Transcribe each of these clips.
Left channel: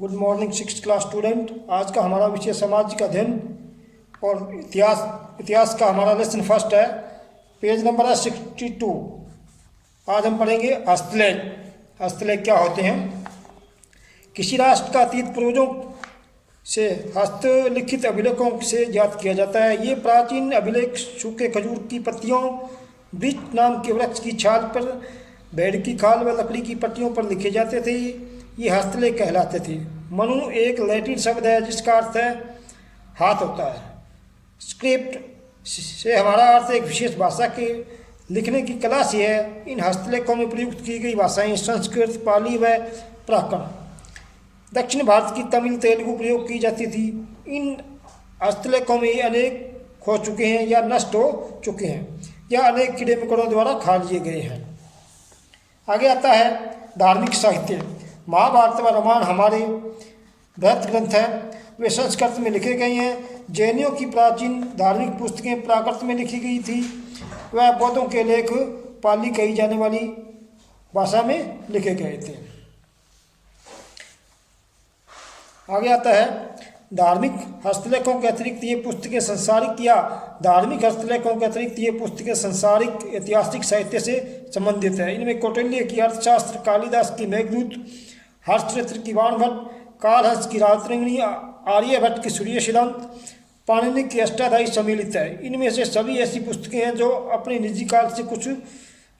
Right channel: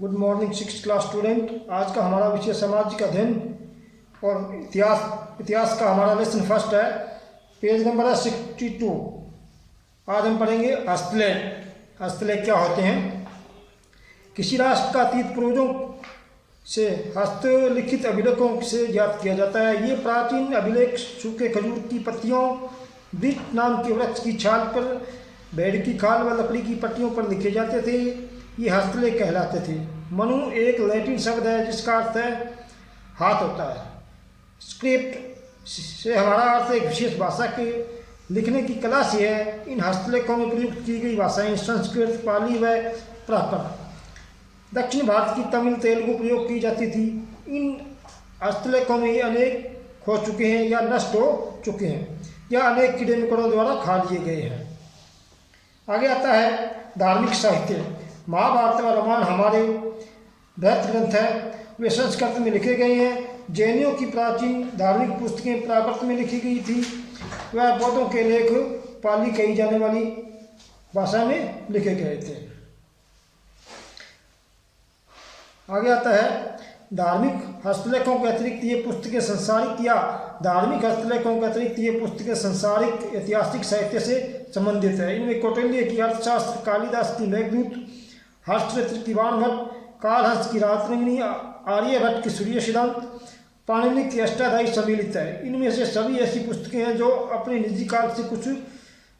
Good morning six class student. आज का हमारा विषय सामाजिक अध्ययन और इतिहास का हमारा लेसन फर्स्ट है। पेज नंबर है 62। आज हम पढ़ेंगे हस्तलेख। हस्तलेख क्या होते हैं? किसी राष्ट्र का अतीत पूर्वजों से हस्तलिखित अभिलेखों से ज्ञात किया जाता है। ये प्राचीन अभिलेख सूखे खजूर की पत्तियों, वृक्ष नाम के वृक्ष की छाल पर, भेड़ की खाल व लकड़ी की पट्टियों पर लिखे जाते थे। ये हस्तलेख कहलाते थे। मनु एक लैटिन शब्द है जिसका अर्थ है हाथ होता है। स्क्रिप्ट से हमारा अर्थ एक विशेष भाषा के लिखने की कला से है। इन हस्तलेखों में प्रयुक्त की गई भाषाएं संस्कृत, पाली व प्राकृत। दक्षिण भारत की तमिल, तेलुगु प्रयोग की जाती थी। इन हस्तलेखों में अनेक खो चुके हैं या नष्ट हो चुके हैं या अनेक कीड़े मकोड़ों द्वारा खा लिए गए हैं। आगे आता है धार्मिक साहित्य। महाभारत व रामायण हमारे बृहत ग्रंथ हैं। वे संस्कृत में लिखे गए हैं। जैनियों की प्राचीन धार्मिक पुस्तकें प्राकृत में लिखी गई थी। वह बौद्धों के लेख पाली कही जाने वाली भाषा में लिखे गए थे। आगे आता है धार्मिक हस्तलेखों के अतिरिक्त ये पुस्तकें संसारिक ऐतिहासिक साहित्य से संबंधित है। इनमें कौटिल्य की अर्थशास्त्र, कालिदास की मेघदूत, हर्षचंद्र की वाणभट्ट, कालहंस की राजतरंगिणी, आर्यभट्ट की सूर्य सिद्धांत, पाणिनि की अष्टाध्यायी सम्मिलित है। इनमें से सभी ऐसी पुस्तकें हैं जो अपने निजी काल से कुछ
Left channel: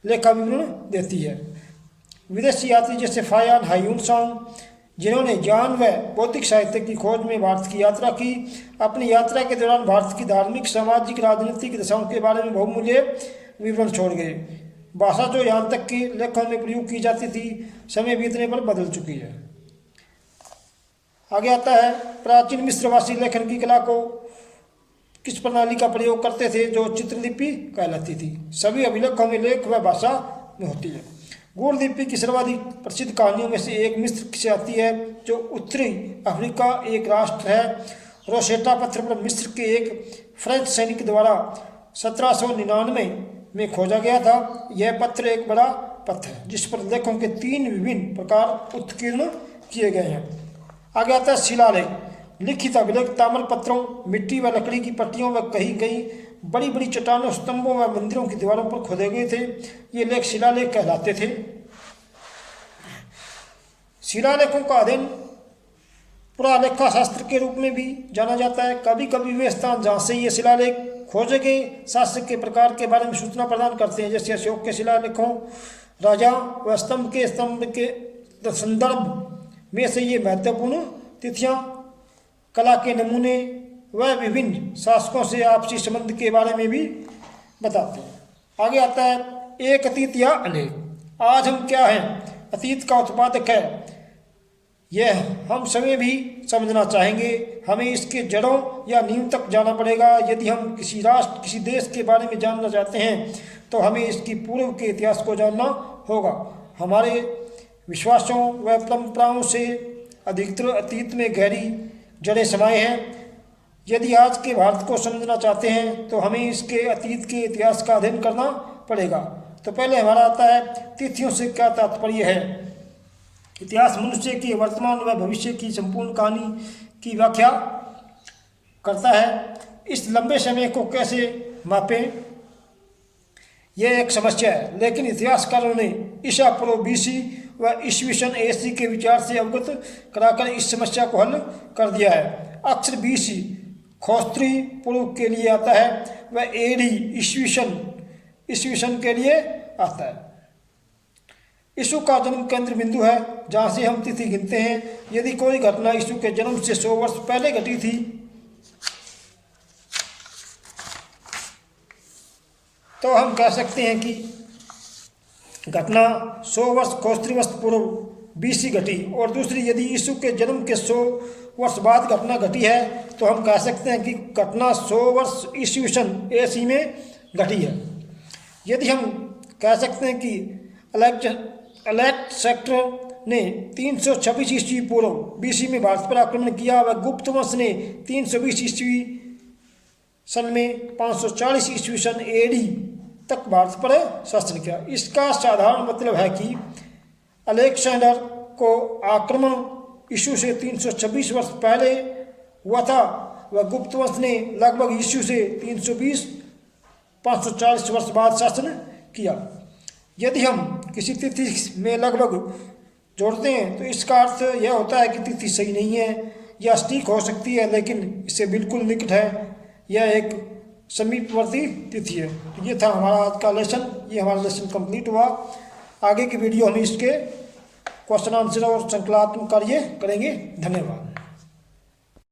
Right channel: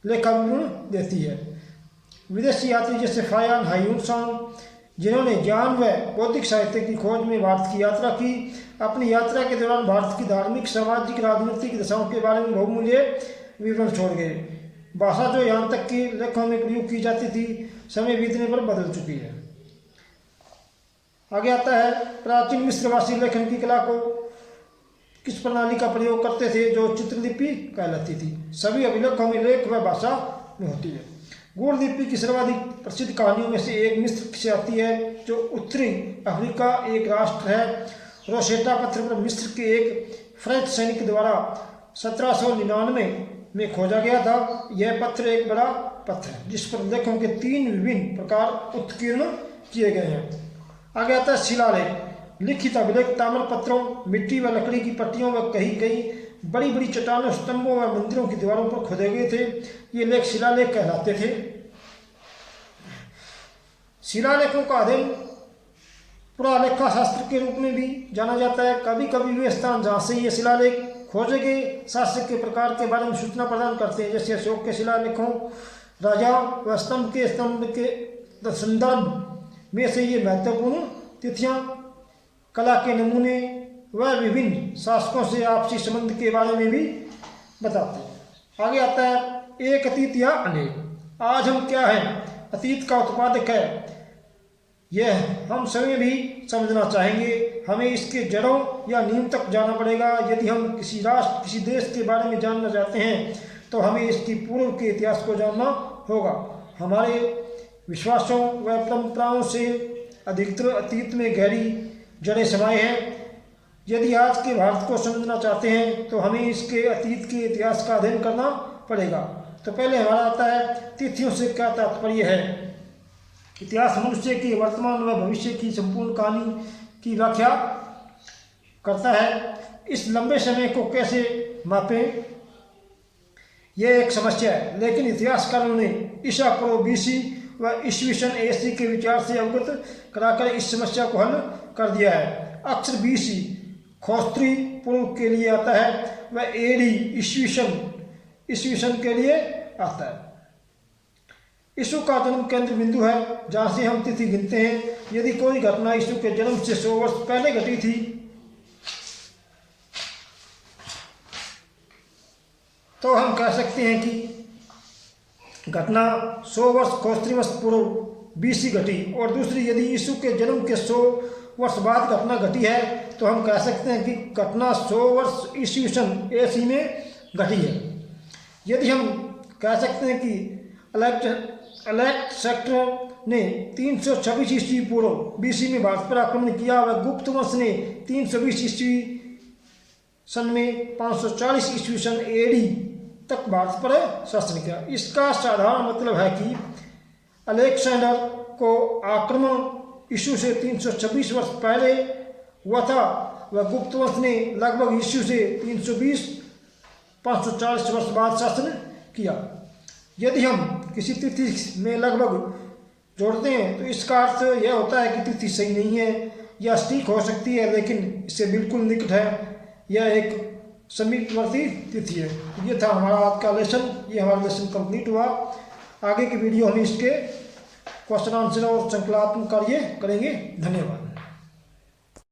लेखा विवरण देती है। विदेशी यात्री जैसे फायान हायूनसांग, जिन्होंने ज्ञान व बौद्धिक साहित्य की खोज में भारत की यात्रा की, अपनी यात्रा के दौरान भारत की धार्मिक, सामाजिक, राजनीतिक दशाओं के बारे में बहुमूल्य विवरण छोड़ गए। भाषा जो यहाँ तक कि लेखों में प्रयोग की जाती थी, समय बीतने पर बदल चुकी है। आगे आता है प्राचीन मिस्रवासी लेखन की कला को किस प्रणाली का प्रयोग करते थे, जो चित्रलिपि कहलाती थी। सभी अभिलेखों में लेख व भाषा में होती है। गुणलिपि की सर्वाधिक प्रसिद्ध कहानियों में से एक मिस्र से आती है, जो उत्तरी अफ्रीका एक राष्ट्र है। रोसेटा पत्थर पर मिस्र के एक फ्रेंच सैनिक द्वारा 1799 में खोजा गया था। यह पत्थर एक बड़ा पत्थर है जिस पर लेखों के 3 विभिन्न प्रकार उत्कीर्ण किए गए हैं। आगे आता है शिलालेख। लिखित अभिलेख ताम्र पत्रों, मिट्टी व लकड़ी की पट्टियों व कहीं कहीं बड़ी बड़ी चट्टानों, स्तंभों व मंदिरों की दीवारों पर खोदे गए थे। ये लेख शिलालेख कहलाते थे। शिलालेखों का अध्ययन पुरालेखा शास्त्र के रूप में भी जाना जाता है। कभी कभी वे स्थान जहाँ से ये शिलालेख खोजे गए शासक के प्रकार के बारे में सूचना प्रदान करते हैं। जैसे अशोक के शिलालेखों, राजा व स्तंभ के संदर्भ में से ये महत्वपूर्ण तिथियां, कला के नमूने व विभिन्न शासकों से आपसी संबंध के बारे में भी बताते हैं। आगे आता है एक अतीत या अनेक। आज हम क्या हैं? अतीत का उत्पादक है। यह हम सभी भी समझना चाहेंगे। हमें इसके जड़ों या नींव तक जाना पड़ेगा। यदि हम किसी राष्ट्र, किसी देश के बारे में जानना चाहते हैं तो हमें इसकी पूर्व के इतिहास को जानना होगा। हमारे विश्वासों व परंपराओं से अधिकतर अतीत में गहरी जड़ें समाये हैं। यदि आज के भारत को समझना चाहते हैं तो हमें इसके अतीत के इतिहास का अध्ययन करना पड़ेगा। तो पहले हमारा आता है तिथियों से क्या तात्पर्य है। इतिहास मनुष्य की वर्तमान व भविष्य की संपूर्ण कहानी की व्याख्या करता है। इस लंबे समय को कैसे मापें, यह एक समस्या है, लेकिन इतिहासकारों ने ईसा पूर्व BC व ईस्वी सन AC के विचार से अवगत कराकर इस समस्या को हल कर दिया है। अक्षर BC खोस्त्री पूर्व के लिए आता है व AD ईस्वी सन के लिए आता है। यीशु का जन्म केंद्र बिंदु है जहाँ से हम तिथि गिनते हैं। यदि कोई घटना यीशु के जन्म से 100 वर्ष पहले घटी थी तो हम कह सकते हैं कि घटना 100 वर्ष खोस्त्रीवंश पूर्व BC घटी। और दूसरी, यदि यीशु के जन्म के 100 वर्ष बाद घटना घटी है तो हम कह सकते हैं कि घटना 100 वर्ष ईस्वी सन AC में घटी है। यदि हम कह सकते हैं कि अलेक्जेंडर ने 326 ईस्वी पूर्व BC में भारत पर आक्रमण किया व गुप्त वंश ने 320 ईस्वी सन में 540 ईस्वी सन AD तक भारत पर शासन किया। इसका साधारण मतलब है कि अलेक्जेंडर को आक्रमण यीशु से 326 वर्ष पहले हुआ था, वह गुप्त वंश ने लगभग यीशु से 320-540 वर्ष बाद शासन किया। यदि हम किसी तिथि में लगभग जोड़ते हैं तो इसका अर्थ यह होता है कि तिथि सही नहीं है या सटीक हो सकती है, लेकिन इससे बिल्कुल निकट है। यह एक समीपवर्ती तिथि है। ये था हमारा आज का लेसन। ये हमारा लेसन कंप्लीट हुआ। आगे की वीडियो हम इसके क्वेश्चन आंसर और संकलनात्मक कार्य करेंगे। धन्यवाद।